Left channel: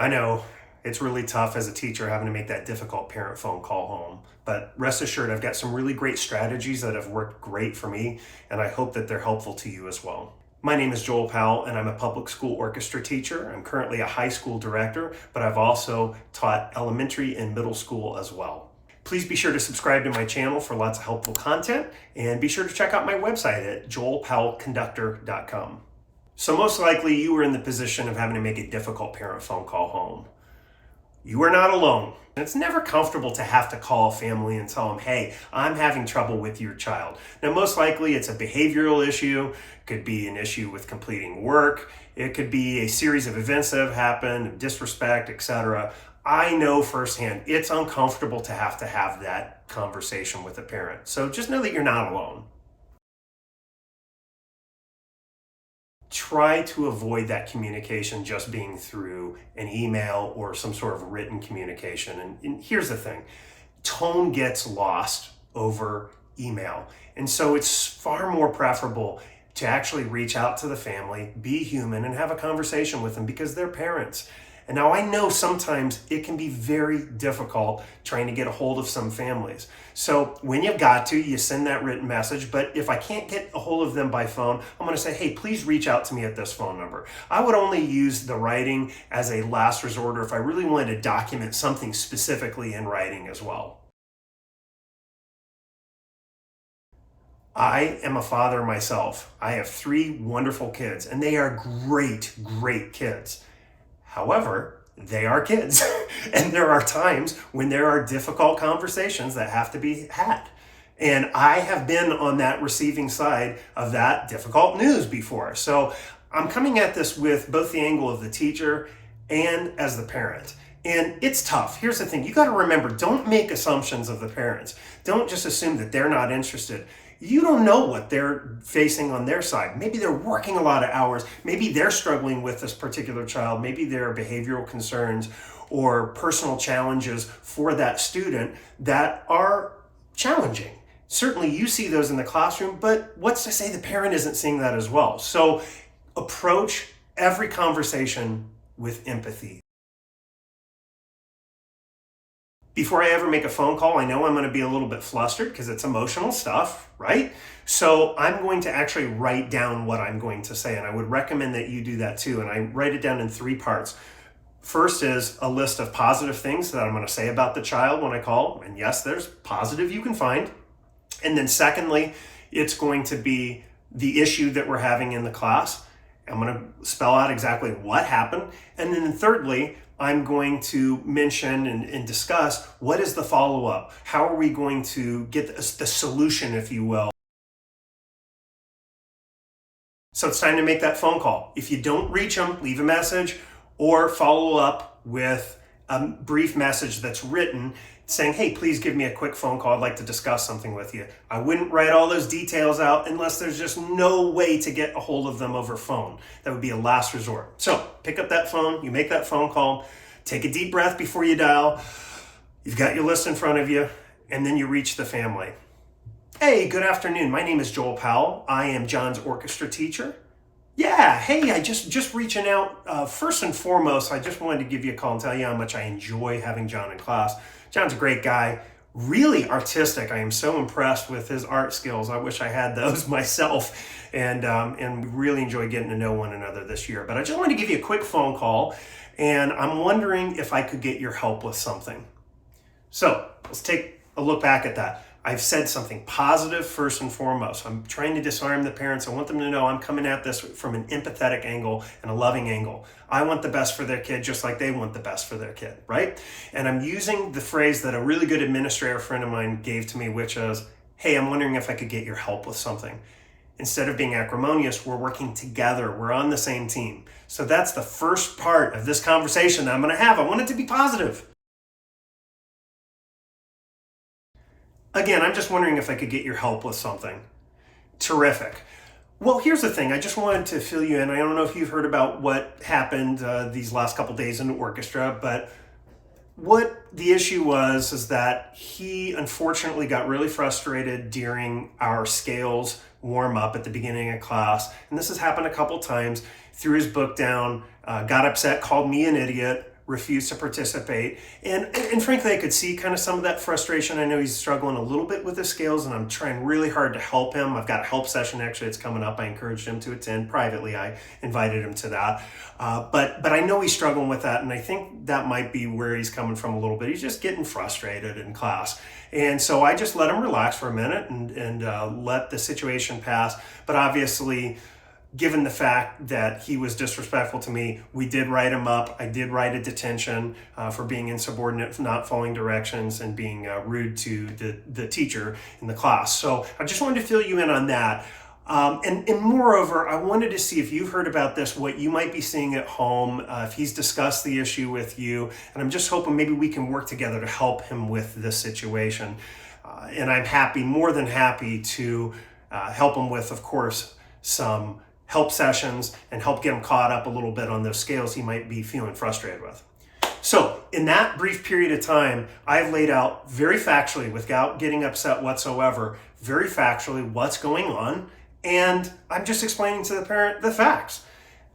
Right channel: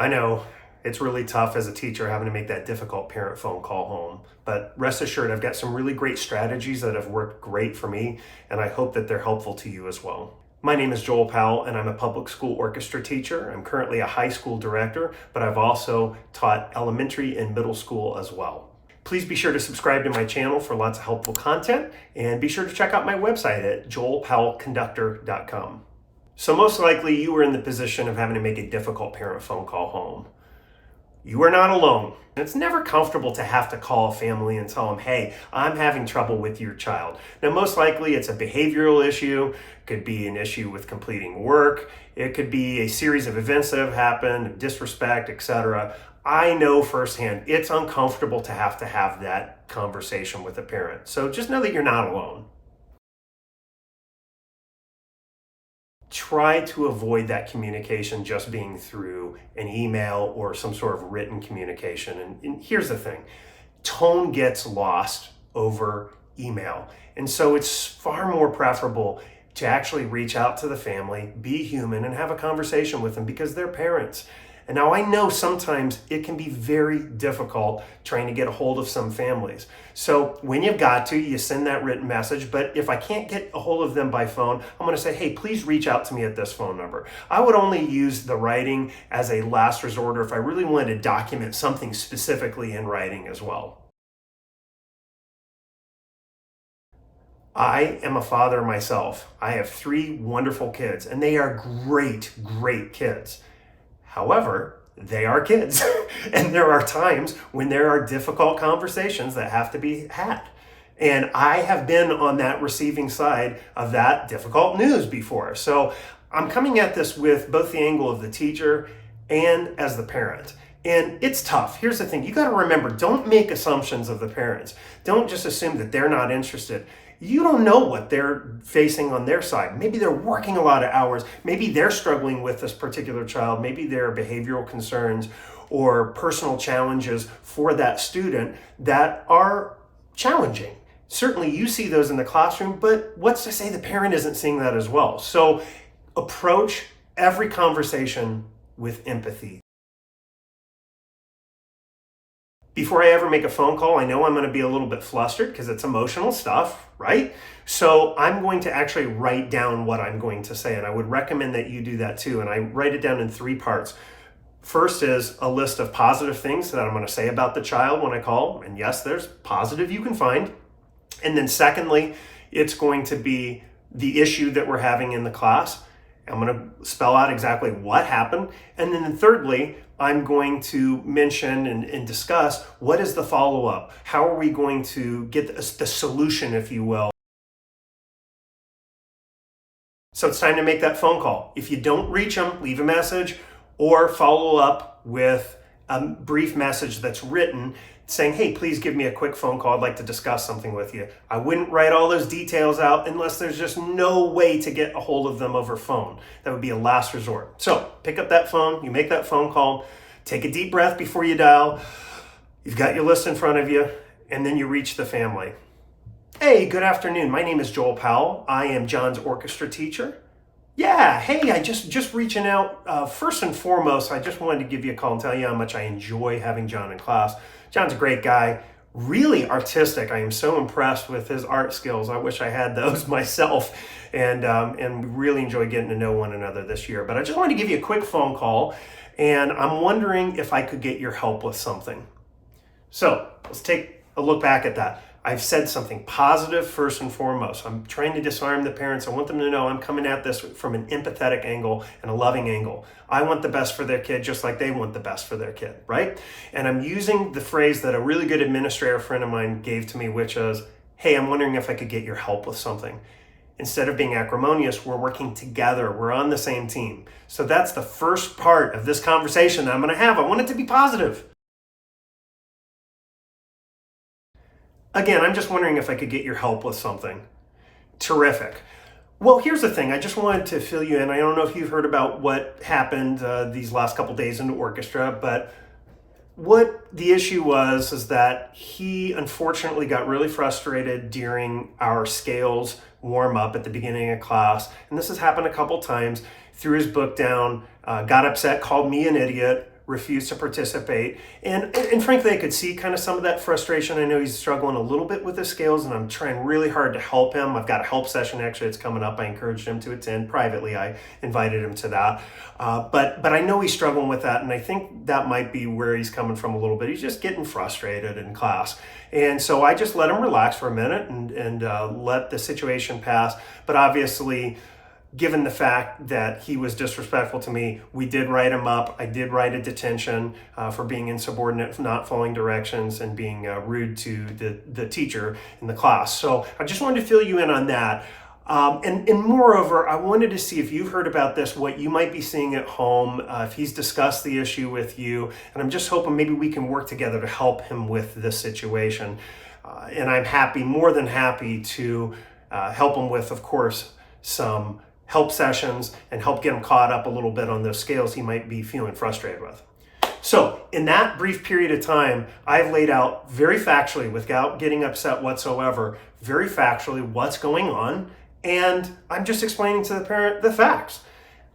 I know it's really tough as a teacher having to make that difficult parent phone call home, but rest assured, I've got some really great strategies that have worked great for me, and I hope that they're helpful to you as well. My name is Joel Powell, and I'm a public school orchestra teacher. I'm currently a high school director, but I've also taught elementary and middle school as well. Please be sure to subscribe to my channel for lots of helpful content, and be sure to check out my website at joelpowellconductor.com. So most likely you were in the position of having to make a difficult parent phone call home. You are not alone. It's never comfortable to have to call a family and tell them, hey, I'm having trouble with your child. Now, most likely it's a behavioral issue. It could be an issue with completing work. It could be a series of events that have happened, disrespect, etc. I know firsthand it's uncomfortable to have that conversation with a parent. So just know that you're not alone. Try to avoid that communication just being through an email or some sort of written communication. And here's the thing, tone gets lost over email. And so it's far more preferable to actually reach out to the family, be human, and have a conversation with them because they're parents. And now I know sometimes it can be very difficult trying to get a hold of some families. So when you've got to, you send that written message. But if I can't get a hold of them by phone, I'm going to say, hey, please reach out to me at this phone number. I would only use the writing as a last resort or if I really wanted to document something specifically in writing as well. I am a father myself. I have 3 wonderful kids, and they are great, great kids. However, they are kids, and there are times when there are difficult conversations that have to be had. And I have been on that receiving side of that difficult news before. So I'm coming at this with both the angle of the teacher and as the parent. And it's tough. Here's the thing. You got to remember, don't make assumptions of the parents. Don't just assume that they're not interested. You don't know what they're facing on their side. Maybe they're working a lot of hours. Maybe they're struggling with this particular child. Maybe there are behavioral concerns or personal challenges for that student that are challenging. Certainly you see those in the classroom, but what's to say the parent isn't seeing that as well? So approach every conversation with empathy. Before I ever make a phone call, I know I'm going to be a little bit flustered because it's emotional stuff, right? So I'm going to actually write down what I'm going to say, and I would recommend that you do that too. And I write it down in 3 parts. First is a list of positive things that I'm going to say about the child when I call, and yes, there's positive you can find. And then secondly, it's going to be the issue that we're having in the class. I'm going to spell out exactly what happened. And then thirdly, I'm going to mention and discuss what is the follow-up? How are we going to get the solution, if you will? So it's time to make that phone call. If you don't reach them, leave a message or follow up with a brief message that's written saying, hey, please give me a quick phone call. I'd like to discuss something with you. I wouldn't write all those details out unless there's just no way to get a hold of them over phone. That would be a last resort. So pick up that phone, you make that phone call, take a deep breath before you dial. You've got your list in front of you, and then you reach the family. Hey, good afternoon. My name is Joel Powell. I am John's orchestra teacher. Yeah, hey, I just reaching out. First and foremost, I just wanted to give you a call and tell you how much I enjoy having John in class. John's a great guy, really artistic. I am so impressed with his art skills. I wish I had those myself, and we really enjoy getting to know one another this year. But I just wanted to give you a quick phone call, and I'm wondering if I could get your help with something. So let's take a look back at that. I've said something positive first and foremost. I'm trying to disarm the parents. I want them to know I'm coming at this from an empathetic angle and a loving angle. I want the best for their kid just like they want the best for their kid, right? And I'm using the phrase that a really good administrator friend of mine gave to me, which is, hey, I'm wondering if I could get your help with something. Instead of being acrimonious, we're working together. We're on the same team. So that's the first part of this conversation that I'm going to have. I want it to be positive. Again, I'm just wondering if I could get your help with something. Terrific. Well, here's the thing. I just wanted to fill you in. I don't know if you've heard about what happened these last couple days in the orchestra, but what the issue was is that he unfortunately got really frustrated during our scales warm up at the beginning of class. And this has happened a couple times. Threw his book down, got upset, called me an idiot, refused to participate. And frankly, I could see kind of some of that frustration. I know he's struggling a little bit with the scales, and I'm trying really hard to help him. I've got a help session, actually, it's coming up. I encouraged him to attend privately. I invited him to that. But I know he's struggling with that, and I think that might be where he's coming from a little bit. He's just getting frustrated in class. And so I just let him relax for a minute and let the situation pass. But obviously, given the fact that he was disrespectful to me, we did write him up. I did write a detention for being insubordinate, for not following directions, and being rude to the teacher in the class. So I just wanted to fill you in on that. And moreover, I wanted to see if you've heard about this, what you might be seeing at home, if he's discussed the issue with you. And I'm just hoping maybe we can work together to help him with this situation. And I'm happy, more than happy, to help him with, of course, some help sessions and help get him caught up a little bit on those scales he might be feeling frustrated with. So in that brief period of time, I've laid out very factually, without getting upset whatsoever, very factually what's going on. And I'm just explaining to the parent the facts.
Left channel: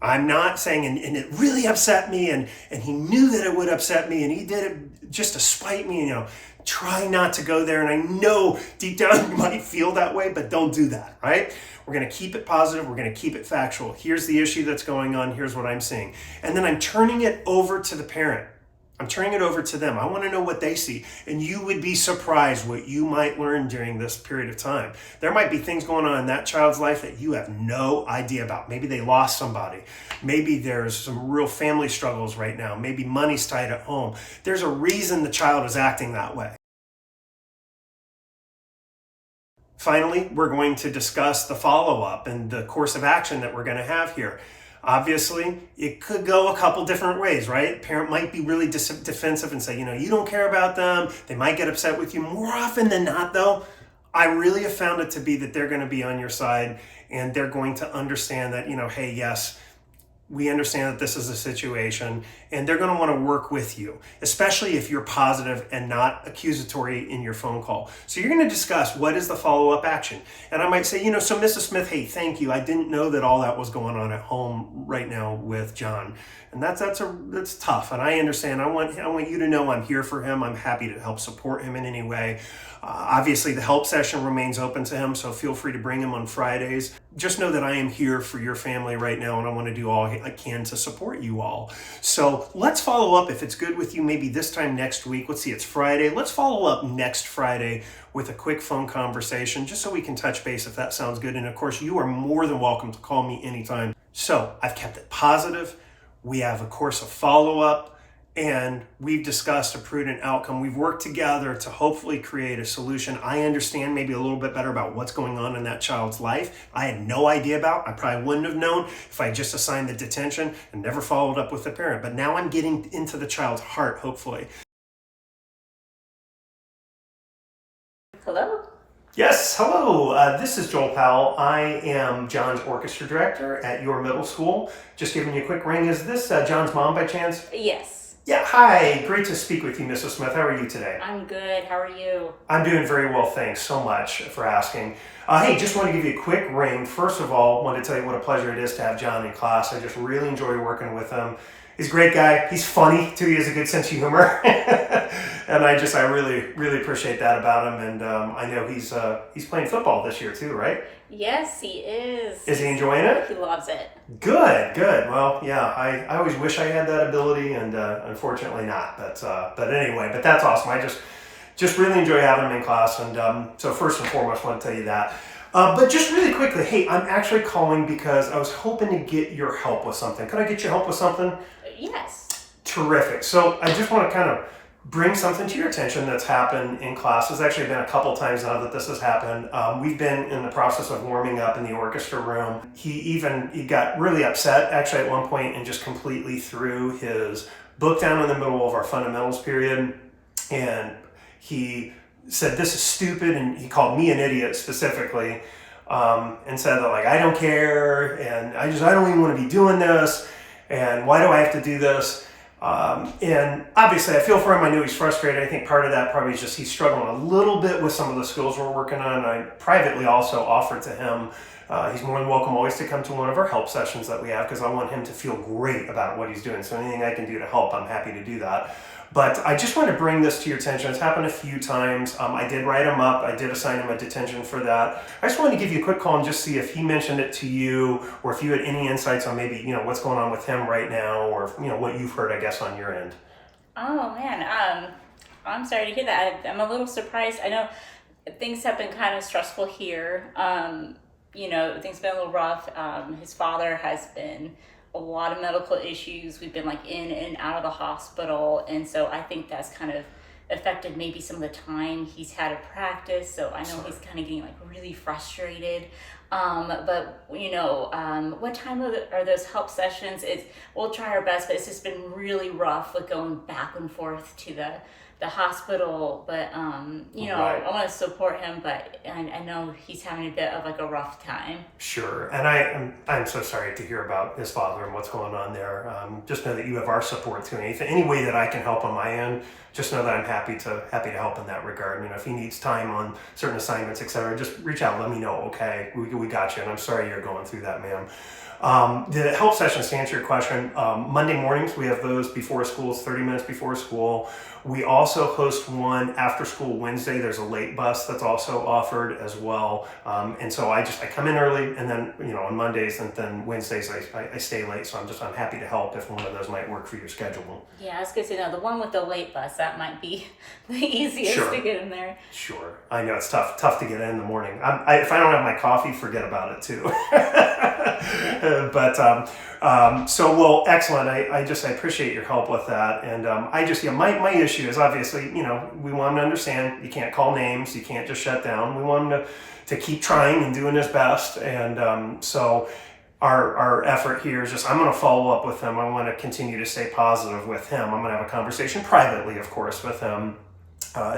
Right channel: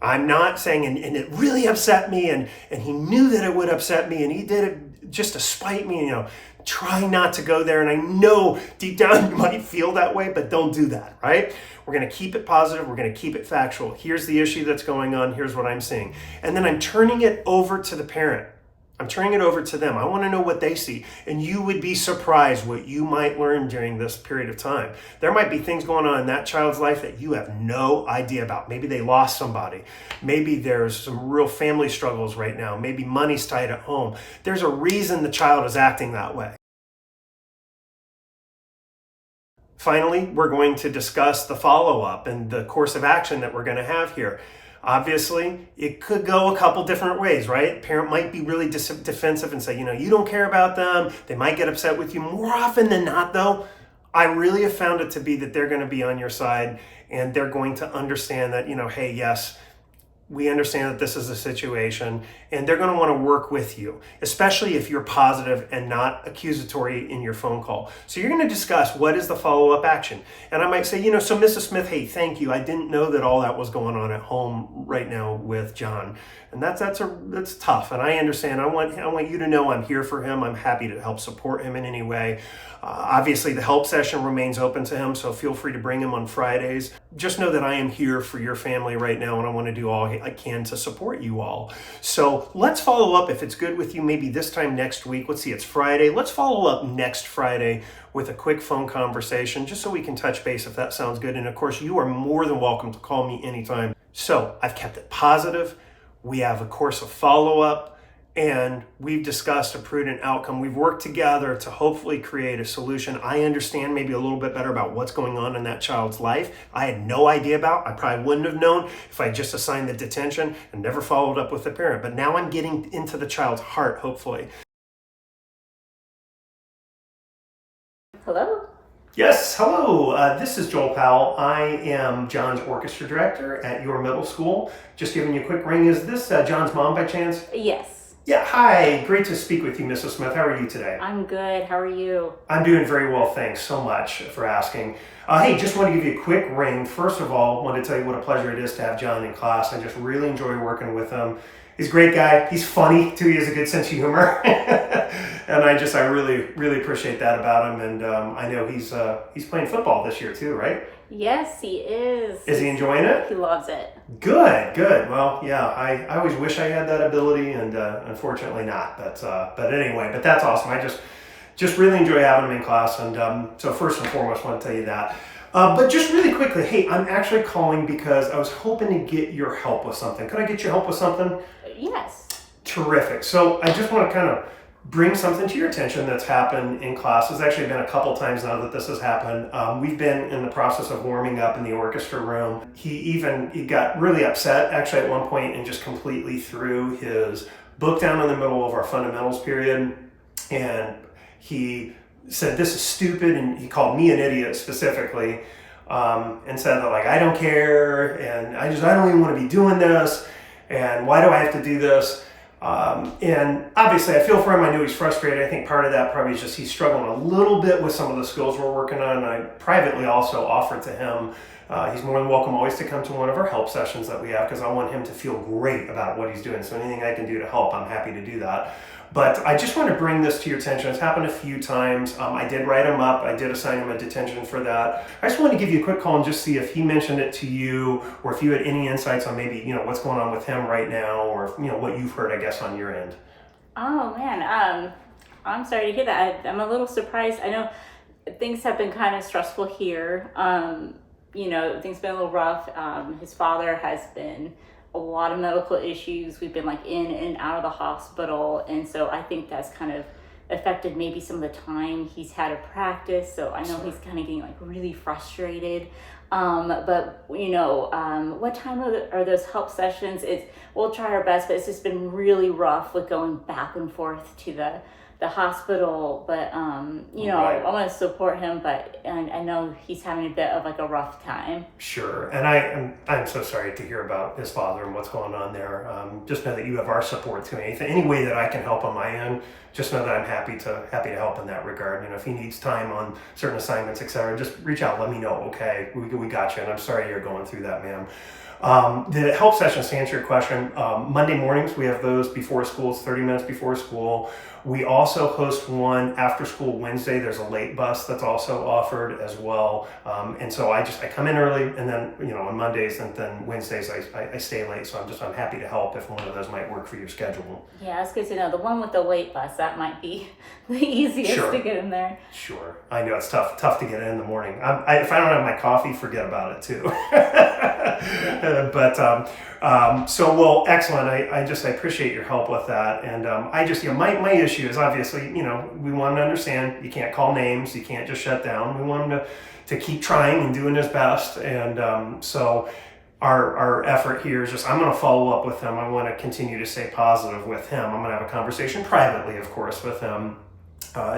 I'm not saying, and it really upset me, and he knew that it would upset me, and he did it just to spite me, try not to go there. And I know deep down you might feel that way, but don't do that, right? We're going to keep it positive. We're going to keep it factual. Here's the issue that's going on. Here's what I'm seeing. And then I'm turning it over to the parent. I'm turning it over to them. I want to know what they see. And you would be surprised what you might learn during this period of time. There might be things going on in that child's life that you have no idea about. Maybe they lost somebody. Maybe there's some real family struggles right now. Maybe money's tight at home. There's a reason the child is acting that way. Finally, we're going to discuss the follow-up and the course of action that we're going to have here. Obviously, it could go a couple different ways, right? Parent might be really defensive and say, you don't care about them. They might get upset with you. More often than not, though, I really have found it to be that they're going to be on your side, and they're going to understand that, hey, yes, we understand that this is a situation, and they're going to want to work with you, especially if you're positive and not accusatory in your phone call. So you're going to discuss what is the follow-up action. And I might say, so Mrs. Smith, hey, thank you. I didn't know that all that was going on at home right now with John. And that's tough. And I understand. I want you to know I'm here for him. I'm happy to help support him in any way. Obviously, the help session remains open to him, so feel free to bring him on Fridays. Just know that I am here for your family right now, and I want to do all I can to support you all. So let's follow up, if it's good with you, maybe this time next week. Let's see, it's Friday. Let's follow up next Friday with a quick phone conversation, just so we can touch base if that sounds good. And of course, you are more than welcome to call me anytime. So I've kept it positive. We have a course of follow-up, and we've discussed a prudent outcome. We've worked together to hopefully create a solution. I understand maybe a little bit better about what's going on in that child's life. I had no idea about. I probably wouldn't have known if I just assigned the detention and never followed up with the parent. But now I'm getting into the child's heart, hopefully. Hello? Yes, hello. This is Joel Powell. I am John's orchestra director at your middle school. Just giving you a quick ring. Is this John's mom by chance? Yes. Yeah, hi. Great to speak with you, Mrs. Smith. How are you today? I'm good. How are you? I'm doing very well, thanks so much for asking. Hey, just want to give you a quick ring. First of all, want to tell you what a pleasure it is to have John in class. I just really enjoy working with him. He's a great guy. He's funny too. He has a good sense of humor, and I really appreciate that about him. And I know he's playing football this year too, right? Yes, he is. Is he enjoying it? He loves it. Good. Well, yeah, I always wish I had that ability, and unfortunately not. But anyway, but that's awesome. I just really enjoy having him in class, and so first and foremost, I want to tell you that. But just really quickly, hey, I'm actually calling because I was hoping to get your help with something. Could I get your help with something? Yes. Terrific. So I just want to kind of bring something to your attention that's happened in class. It's actually been a couple times now that this has happened. We've been in the process of warming up in the orchestra room. He got really upset actually at one point and just completely threw his book down in the middle of our fundamentals period. And he said, "This is stupid," and he called me an idiot specifically, and said that, like, I don't care, and I don't even want to be doing this, and why do I have to do this? And obviously I feel for him. I knew he's frustrated. I think part of that probably is just he's struggling a little bit with some of the skills we're working on. I privately also offered to him He's more than welcome always to come to one of our help sessions that we have, because I want him to feel great about what he's doing. So anything I can do to help, I'm happy to do that. But I just want to bring this to your attention. It's happened a few times. I did write him up. I did assign him a detention for that. I just wanted to give you a quick call and just see if he mentioned it to you, or if you had any insights on maybe, what's going on with him right now, or, what you've heard, I guess, on your end. Oh man, I'm sorry to hear that. I'm a little surprised. I know things have been kind of stressful here. Things have been a little rough. His father has been a lot of medical issues. We've been like in and out of the hospital, and so I think that's kind of affected maybe some of the time he's had to practice. So I know he's kind of getting like really frustrated. But what time are those help sessions? We'll try our best, but it's just been really rough with going back and forth to the hospital. But Right. I want to support him, but I know he's having a bit of like a rough time. Sure, and I'm so sorry to hear about his father and what's going on there. Just know that you have our support too. Any way that I can help on my end, just know that I'm happy to help in that regard. If he needs time on certain assignments, etc., just reach out, let me know. Okay, we got you, and I'm sorry you're going through that, ma'am. The help sessions, to answer your question, Monday mornings we have those before school. It's 30 minutes before school. We also host one after school Wednesday. There's a late bus that's also offered as well. And so I come in early, and then on Mondays and then Wednesdays I stay late. So I'm happy to help if one of those might work for your schedule. Yeah, I was going to say, the one with the late bus, that might be the easiest Sure. to get in there. Sure, I know it's tough to get in the morning. If I don't have my coffee, forget about it too. Excellent. I appreciate your help with that. And my issue is obviously, we want him to understand you can't call names, you can't just shut down. We want him to keep trying and doing his best. And so our effort here is just, I'm going to follow up with him. I want to continue to stay positive with him. I'm going to have a conversation privately, of course, with him.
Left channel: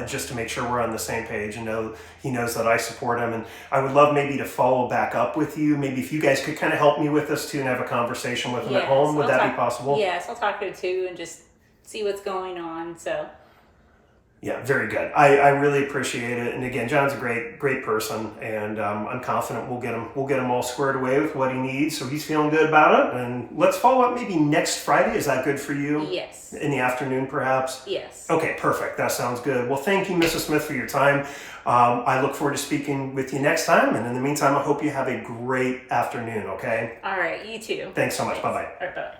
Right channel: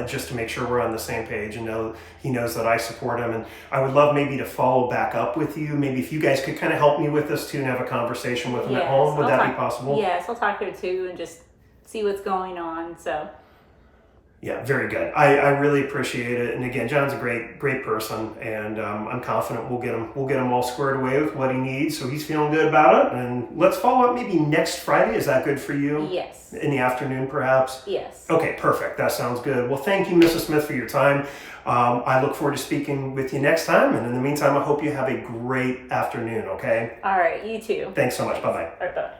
Just to make sure we're on the same page and he knows that I support him. And I would love maybe to follow back up with you. Maybe if you guys could kind of help me with this too and have a conversation with him at home. Would that be possible? Yes, I'll talk to him too and just see what's going on. So. Yeah, very good. I really appreciate it. And again, John's a great person, and I'm confident we'll get him all squared away with what he needs. So he's feeling good about it. And let's follow up maybe next Friday. Is that good for you? Yes. In the afternoon, perhaps? Yes. Okay, perfect. That sounds good. Well, thank you, Mrs. Smith, for your time. I look forward to speaking with you next time. And in the meantime, I hope you have a great afternoon, okay? All right, you too. Thanks so much. Thanks. Bye-bye. All right, bye.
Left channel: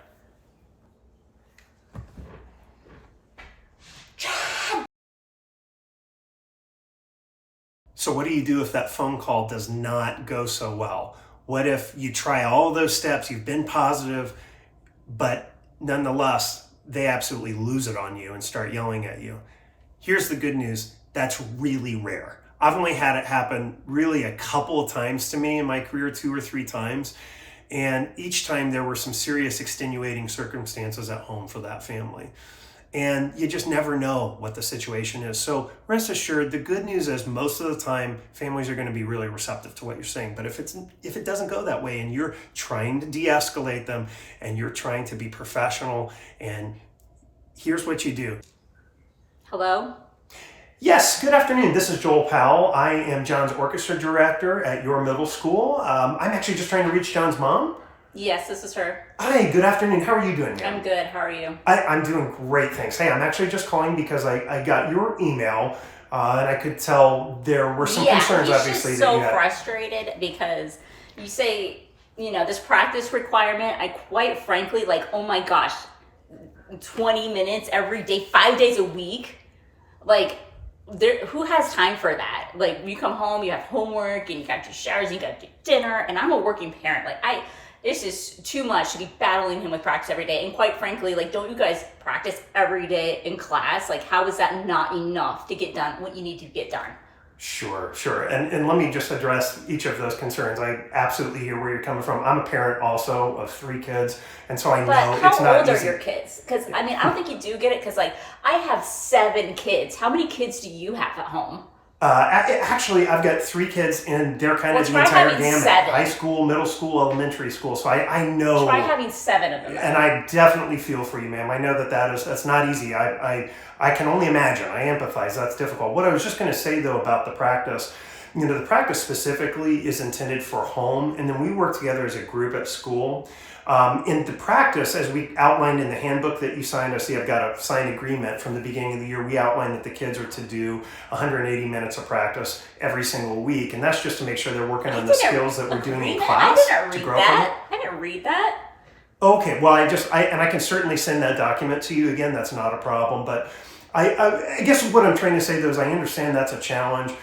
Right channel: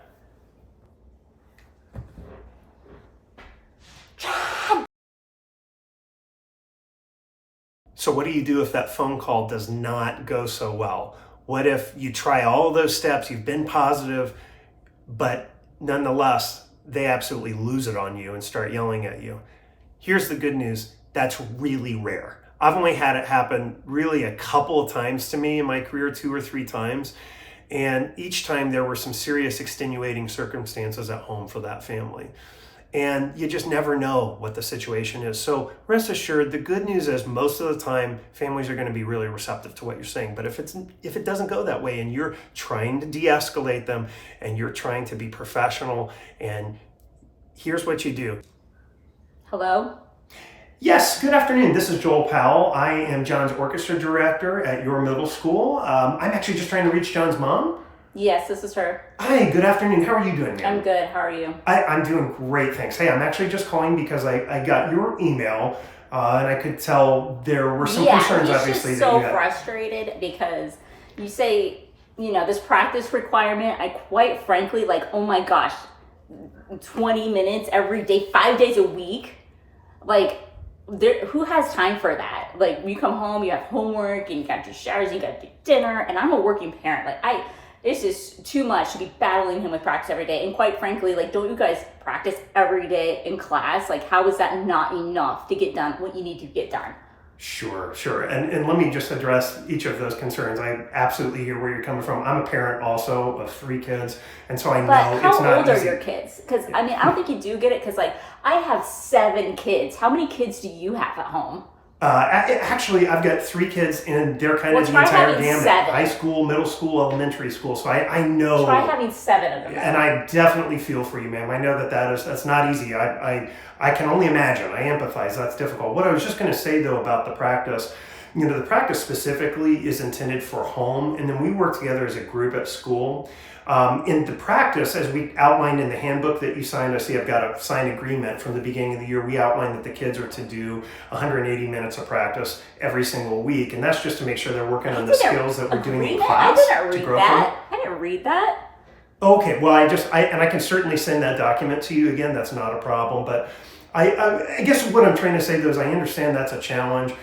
So what do you do if that phone call does not go so well? What if you try all those steps, you've been positive, but nonetheless, they absolutely lose it on you and start yelling at you? Here's the good news. That's really rare. I've only had it happen really a couple of times to me in my career, 2 or 3 times. And each time there were some serious extenuating circumstances at home for that family. And you just never know what the situation is. So rest assured, the good news is most of the time, families are going to be really receptive to what you're saying. But if it doesn't go that way and you're trying to de-escalate them and you're trying to be professional, and here's what you do. Hello? Yes, good afternoon. This is Joel Powell. I am John's orchestra director at your middle school. I'm actually just trying to reach John's mom. Yes, this is her. Hi, good afternoon. How are you doing, ma'am? I'm good. How are you? I'm doing great, thanks. Hey, I'm actually just calling because I got your email and I could tell there were some concerns, obviously, he's that you so had. frustrated because you say, this practice requirement, I quite frankly, oh my gosh, 20 minutes every day, 5 days a week. Who has time for that? You come home, you have homework, and you got your showers, and you got your dinner, and I'm a working parent. It's just too much to be battling him with practice every day. And quite frankly, don't you guys practice every day in class? How is that not enough to get done what you need to get done? Sure. And let me just address each of those concerns. I absolutely hear where you're coming from. I'm a parent also of 3 kids, and so I know it's not easy. But how old are your kids? Because, I don't think you do get it, because, I have 7 kids. How many kids do you have at home? Actually, I've got 3 kids, and they're kind of the entire gamut. 7. High school, middle school, elementary school. So I know. Try having 7 of them. And I definitely feel for you, ma'am. I know that's not easy. I can only imagine. I empathize. That's difficult. What I was just going to say, though, about the practice, the practice specifically is intended for home, and then we work together as a group at school. In the practice, as we outlined in the handbook that you signed, I see I've got a signed agreement from the beginning of the year. We outlined that the kids are to do 180 minutes of practice every single week, and that's just to make sure they're working on the skills that we're doing in class. I didn't read that. I didn't read that. Okay, well, I can certainly send that document to you again. That's not a problem, but I guess what I'm trying to say though is I understand that's a challenge.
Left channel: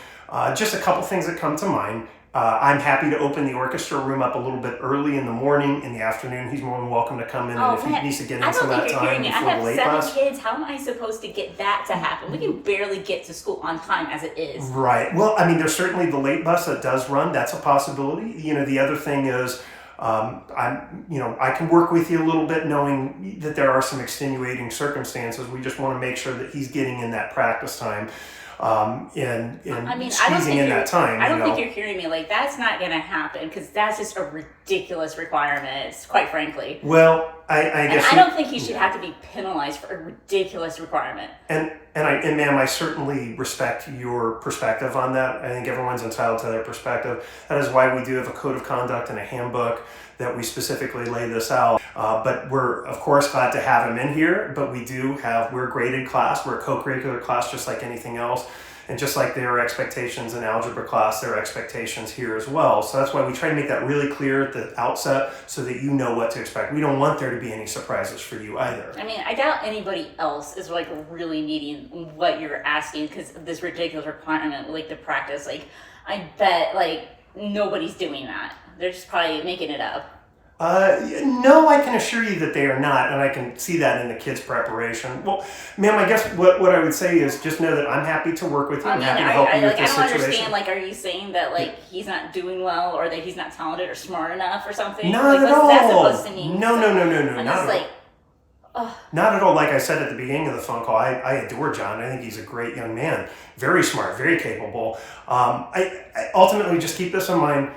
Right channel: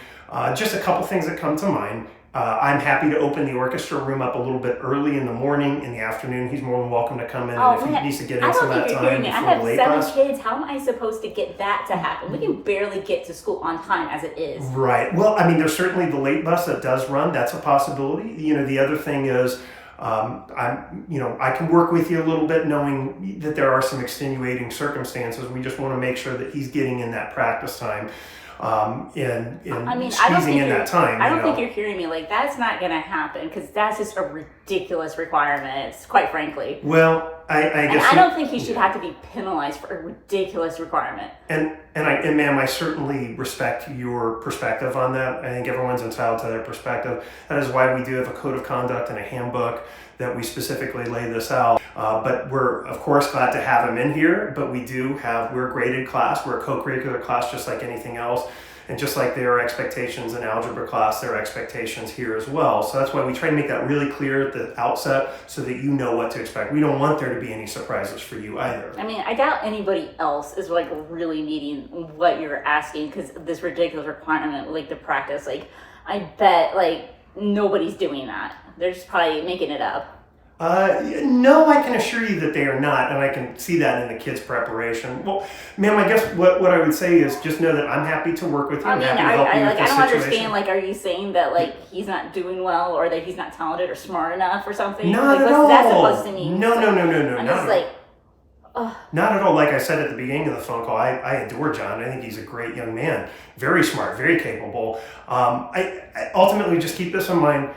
Just a couple things that come to mind. I'm happy to open the orchestra room up a little bit early in the morning. In the afternoon, he's more than welcome to come in, and if he needs to get in some of that time before the late bus. I have 7 kids. How am I supposed to get that to happen? We can barely get to school on time as it is. Right. Well, there's certainly the late bus that does run. That's a possibility. The other thing is, I can work with you a little bit knowing that there are some extenuating circumstances. We just want to make sure that he's getting in that practice time. Squeezing in that time. I don't think you're hearing me. Like, that's not going to happen because that's just a ridiculous requirement, quite frankly. Well, I guess. I don't think he should have to be penalized for a ridiculous requirement. And ma'am, I certainly respect your perspective on that. I think everyone's entitled to their perspective. That is why we do have a code of conduct and a handbook that we specifically lay this out. But we're, of course, glad to have him in here. But we're a graded class. We're a co-curricular class just like anything else. And just like there are expectations in algebra class, there are expectations here as well. So that's why we try to make that really clear at the outset so that you know what to expect. We don't want there to be any surprises for you either. I doubt anybody else is like really needing what you're asking because of this ridiculous requirement, like the practice. Like, I bet like nobody's doing that. They're just probably making it up. No, I can assure you that they are not, and I can see that in the kids' preparation. Well, ma'am, I guess what I would say is just know that I'm happy to work with you. I'm happy to help you with this situation. I don't understand, like, are you saying that, like, he's not doing well or that he's not talented or smart enough or something? Not at all. What's that supposed to mean? No, not at all. Like I said at the beginning of the phone call, I adore John. I think he's a great young man. Very smart, very capable. I ultimately just keep this in mind.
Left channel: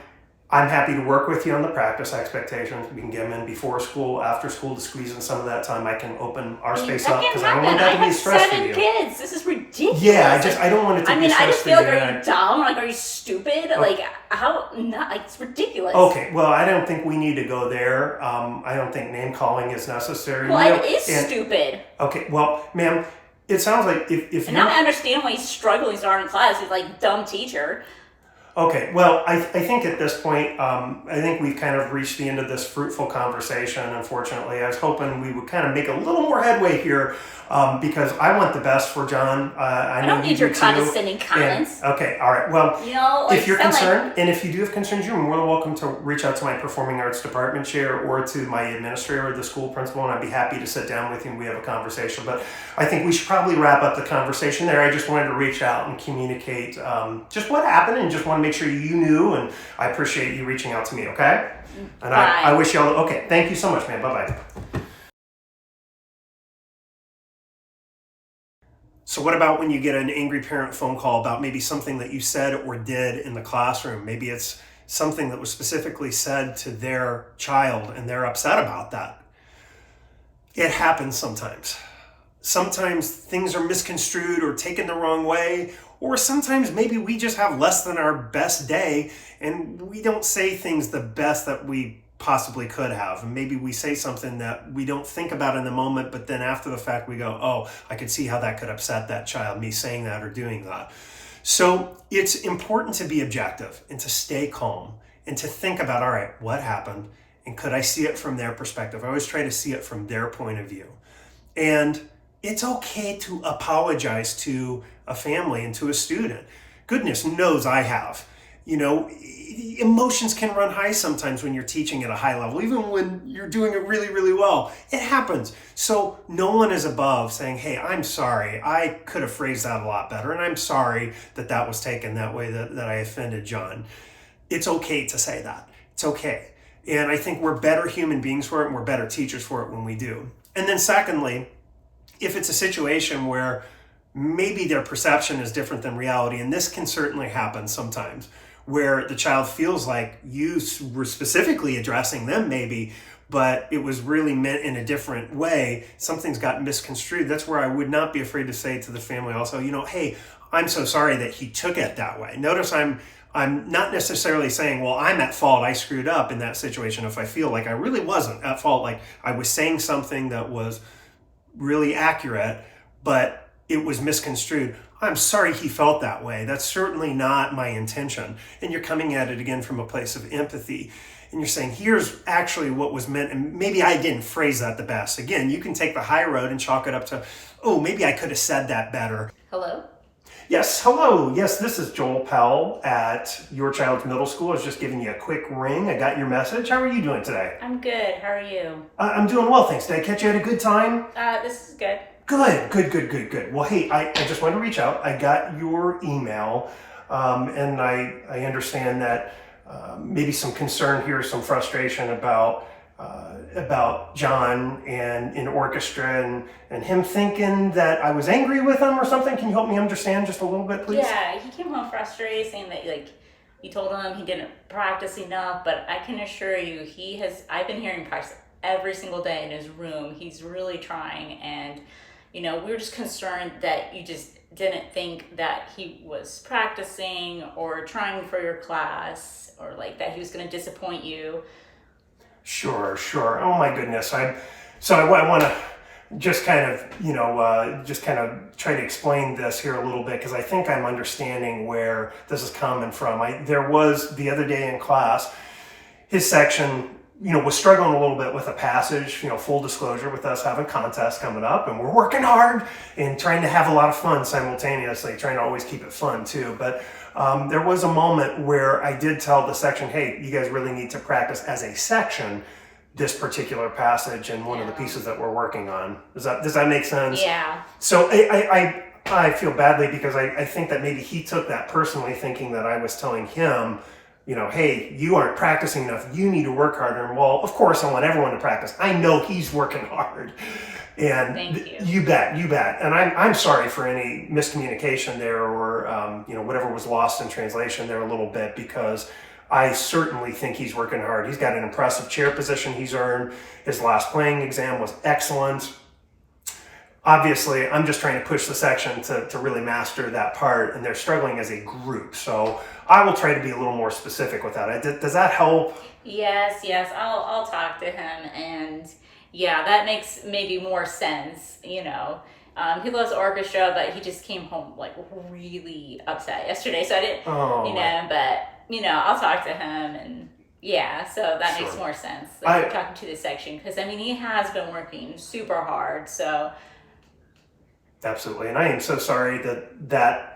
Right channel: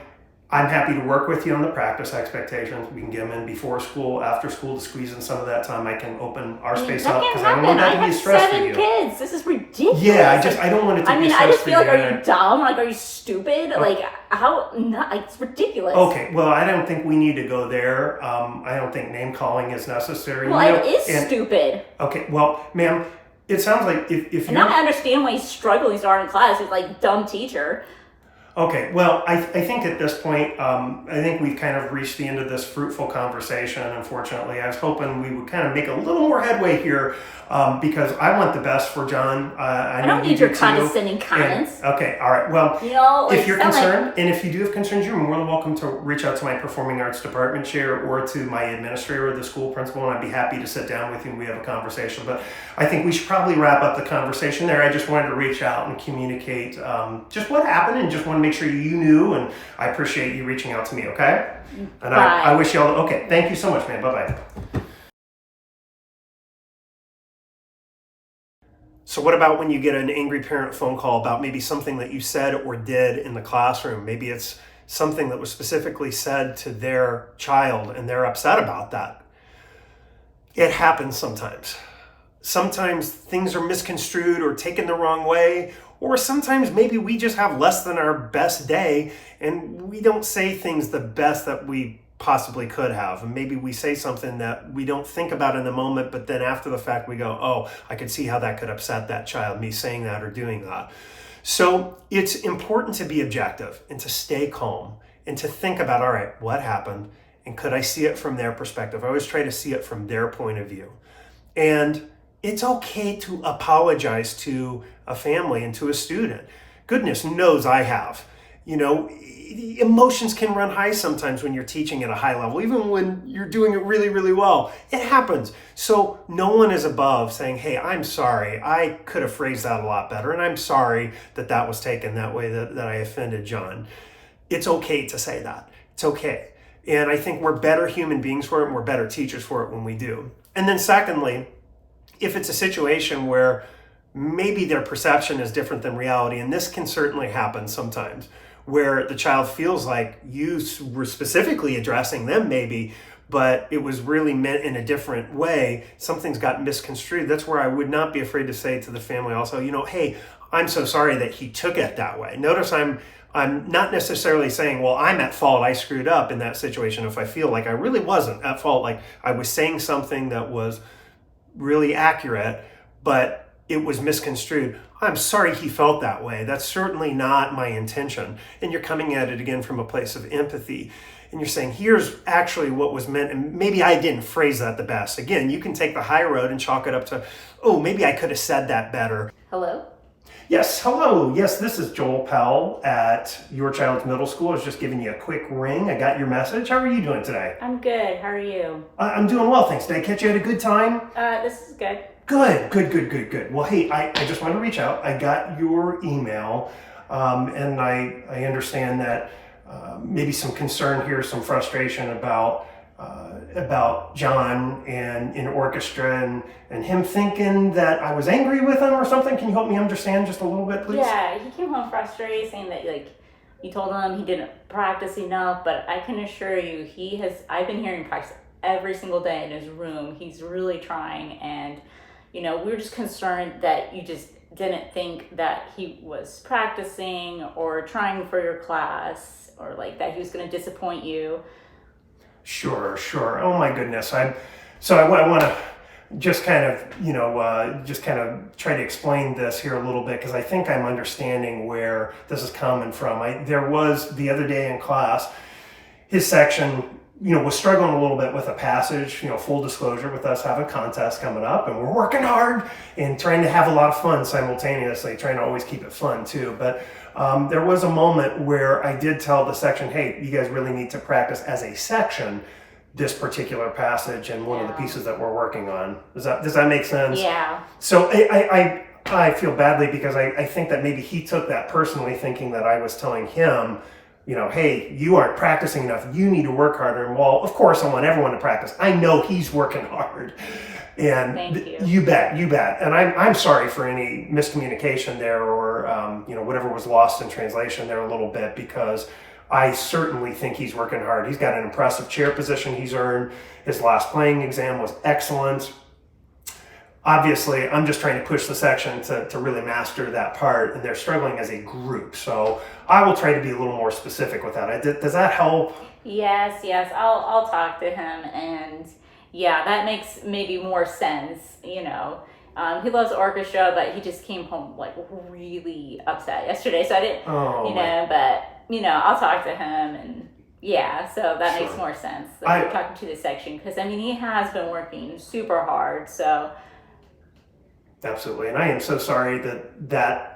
I'm happy to work with you on the practice expectations. We can get them in before school, after school to squeeze in some of that time. I can open our space up because I don't want that to be a stress for you. I have 7 kids. This is ridiculous. Yeah, I don't want it to be a stress for you. I just feel like, are you dumb? Like, are you stupid? Oh. Like, how? Not, like, it's ridiculous. Okay, well, I don't think we need to go there. I don't think name calling is necessary. Well, it is stupid. Okay, well, ma'am, it sounds like if now I understand why he's struggling so hard in class. He's like, dumb teacher. Okay, well, I think at this point, I think we've kind of reached the end of this fruitful conversation, unfortunately. I was hoping we would kind of make a little more headway here because I want the best for John. I don't need your condescending comments. Okay, all right. Well, like, if you're concerned, and if you do have concerns, you're more than welcome to reach out to my performing arts department chair or to my administrator or the school principal, and I'd be happy to sit down with you and we have a conversation. But I think we should probably wrap up the conversation there. I just wanted to reach out and communicate just what happened and just want to make sure you knew, and I appreciate you reaching out to me, okay? And I wish you all, okay, thank you so much, man. Bye-bye. So what about when you get an angry parent phone call about maybe something that you said or did in the classroom? Maybe it's something that was specifically said to their child and they're upset about that. It happens sometimes. Sometimes things are misconstrued or taken the wrong way, or sometimes maybe we just have less than our best day and we don't say things the best that we possibly could have. And maybe we say something that we don't think about in the moment, but then after the fact we go, oh, I could see how that could upset that child, me saying that or doing that. So it's important to be objective and to stay calm and to think about, all right, what happened? And could I see it from their perspective? I always try to see it from their point of view. And it's okay to apologize to a family and to a student. Goodness knows I have. Emotions can run high sometimes when you're teaching at a high level, even when you're doing it really, really well. It happens. So no one is above saying, hey, I'm sorry. I could have phrased that a lot better. And I'm sorry that was taken that way, that I offended John. It's okay to say that. It's okay. And I think we're better human beings for it and we're better teachers for it when we do. And then secondly, if it's a situation where maybe their perception is different than reality, and this can certainly happen sometimes, where the child feels like you were specifically addressing them maybe, but it was really meant in a different way, something's got misconstrued. That's where I would not be afraid to say to the family also, hey, I'm so sorry that he took it that way. Notice I'm I'm not necessarily saying, well, I'm at fault, I screwed up in that situation if I feel like I really wasn't at fault, like I was saying something that was really accurate, but it was misconstrued. I'm sorry he felt that way. That's certainly not my intention. And you're coming at it again from a place of empathy. And you're saying, here's actually what was meant. And maybe I didn't phrase that the best. Again, you can take the high road and chalk it up to, oh, maybe I could have said that better. Hello? Yes, hello. Yes, this is Joel Powell at your child's middle school. I was just giving you a quick ring. I got your message. How are you doing today? I'm good. How are you? I'm doing well, thanks. Did I catch you at a good time? This is good. Good. Well, hey, I just wanted to reach out. I got your email, and I understand that maybe some concern here, some frustration about John and in orchestra and him thinking that I was angry with him or something. Can you help me understand just a little bit, please? Yeah, he came home frustrated, saying that you told him he didn't practice enough, but I can assure you I've been hearing practice every single day in his room. He's really trying, and we were just concerned that you just didn't think that he was practicing or trying for your class, or like that he was going to disappoint you. Sure. Oh my goodness. I want to just kind of try to explain this here a little bit, because I think I'm understanding where this is coming from. There was the other day in class, his section, was struggling a little bit with a passage, full disclosure, with us having contests coming up, and we're working hard and trying to have a lot of fun simultaneously, trying to always keep it fun too. But there was a moment where I did tell the section, hey, you guys really need to practice as a section this particular passage and one of the pieces that we're working on. Does that make sense? Yeah. So I feel badly, because I think that maybe he took that personally, thinking that I was telling him, hey, you aren't practicing enough, you need to work harder. And well, of course I want everyone to practice. I know he's working hard. And thank you. You bet. And I'm sorry for any miscommunication there, or whatever was lost in translation there a little bit, because I certainly think he's working hard. He's got an impressive chair position he's earned. His last playing exam was excellent. Obviously, I'm just trying to push the section to really master that part, and they're struggling as a group. So I will try to be a little more specific with that. Does that help? Yes. I'll talk to him, and yeah, that makes maybe more sense. He loves orchestra, but he just came home like really upset yesterday. So I didn't, but I'll talk to him, and yeah, so that makes more sense. We're talking to the section, because he has been working super hard. So absolutely, and I am so sorry that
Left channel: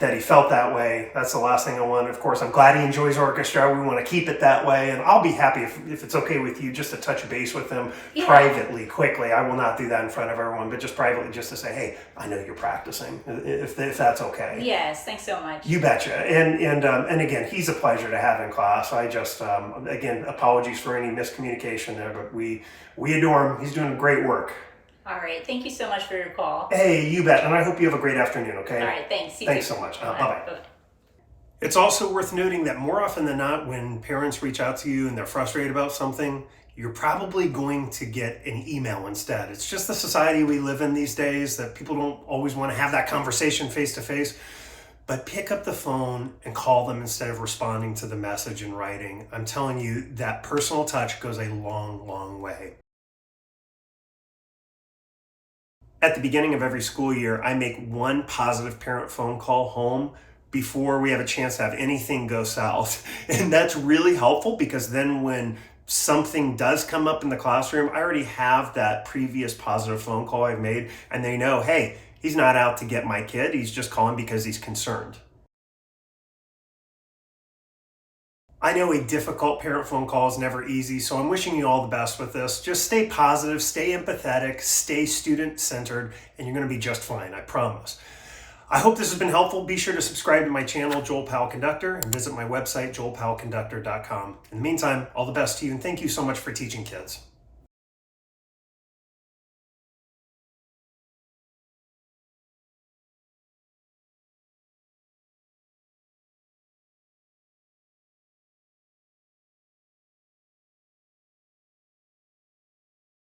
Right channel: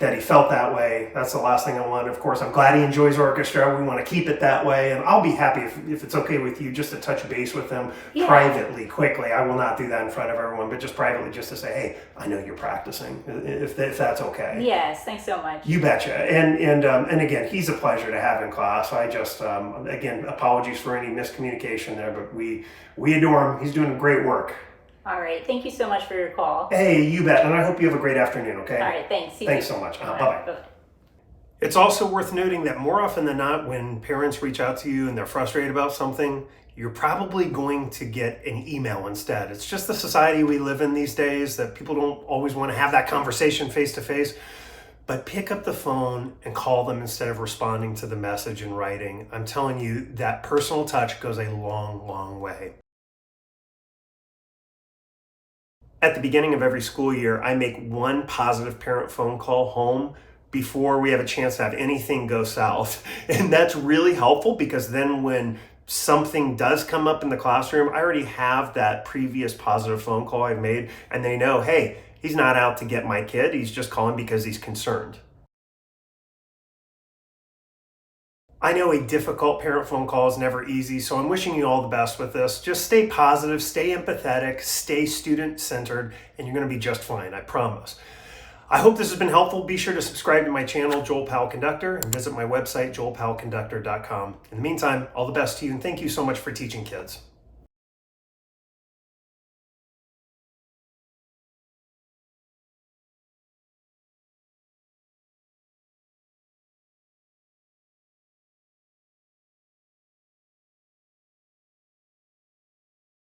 he felt that way. That's the last thing I want. Of course, I'm glad he enjoys orchestra. We want to keep it that way, and I'll be happy if it's okay with you, just to touch base with him privately, quickly. I will not do that in front of everyone, but just privately, just to say, hey, I know you're practicing, if that's okay. Yes, thanks so much. You betcha. And again, he's a pleasure to have in class. I just again, apologies for any miscommunication there, but we adore him. He's doing great work. All right. Thank you so much for your call. Hey, you bet. And I hope you have a great afternoon, okay? All right. Thanks. Thanks so much. Bye-bye. Bye-bye. It's also worth noting that more often than not, when parents reach out to you and they're frustrated about something, you're probably going to get an email instead. It's just the society we live in these days, that people don't always want to have that conversation face to face. But pick up the phone and call them instead of responding to the message in writing. I'm telling you, that personal touch goes a long, long way. At the beginning of every school year, I make one positive parent phone call home before we have a chance to have anything go south. And that's really helpful, because then when something does come up in the classroom, I already have that previous positive phone call I've made, and they know, hey, he's not out to get my kid, he's just calling because he's concerned. I know a difficult parent phone call is never easy, so I'm wishing you all the best with this. Just stay positive, stay empathetic, stay student-centered, and you're going to be just fine, I promise. I hope this has been helpful. Be sure to subscribe to my channel, Joel Powell Conductor, and visit my website, joelpowellconductor.com. In the meantime, all the best to you, and thank you so much for teaching kids.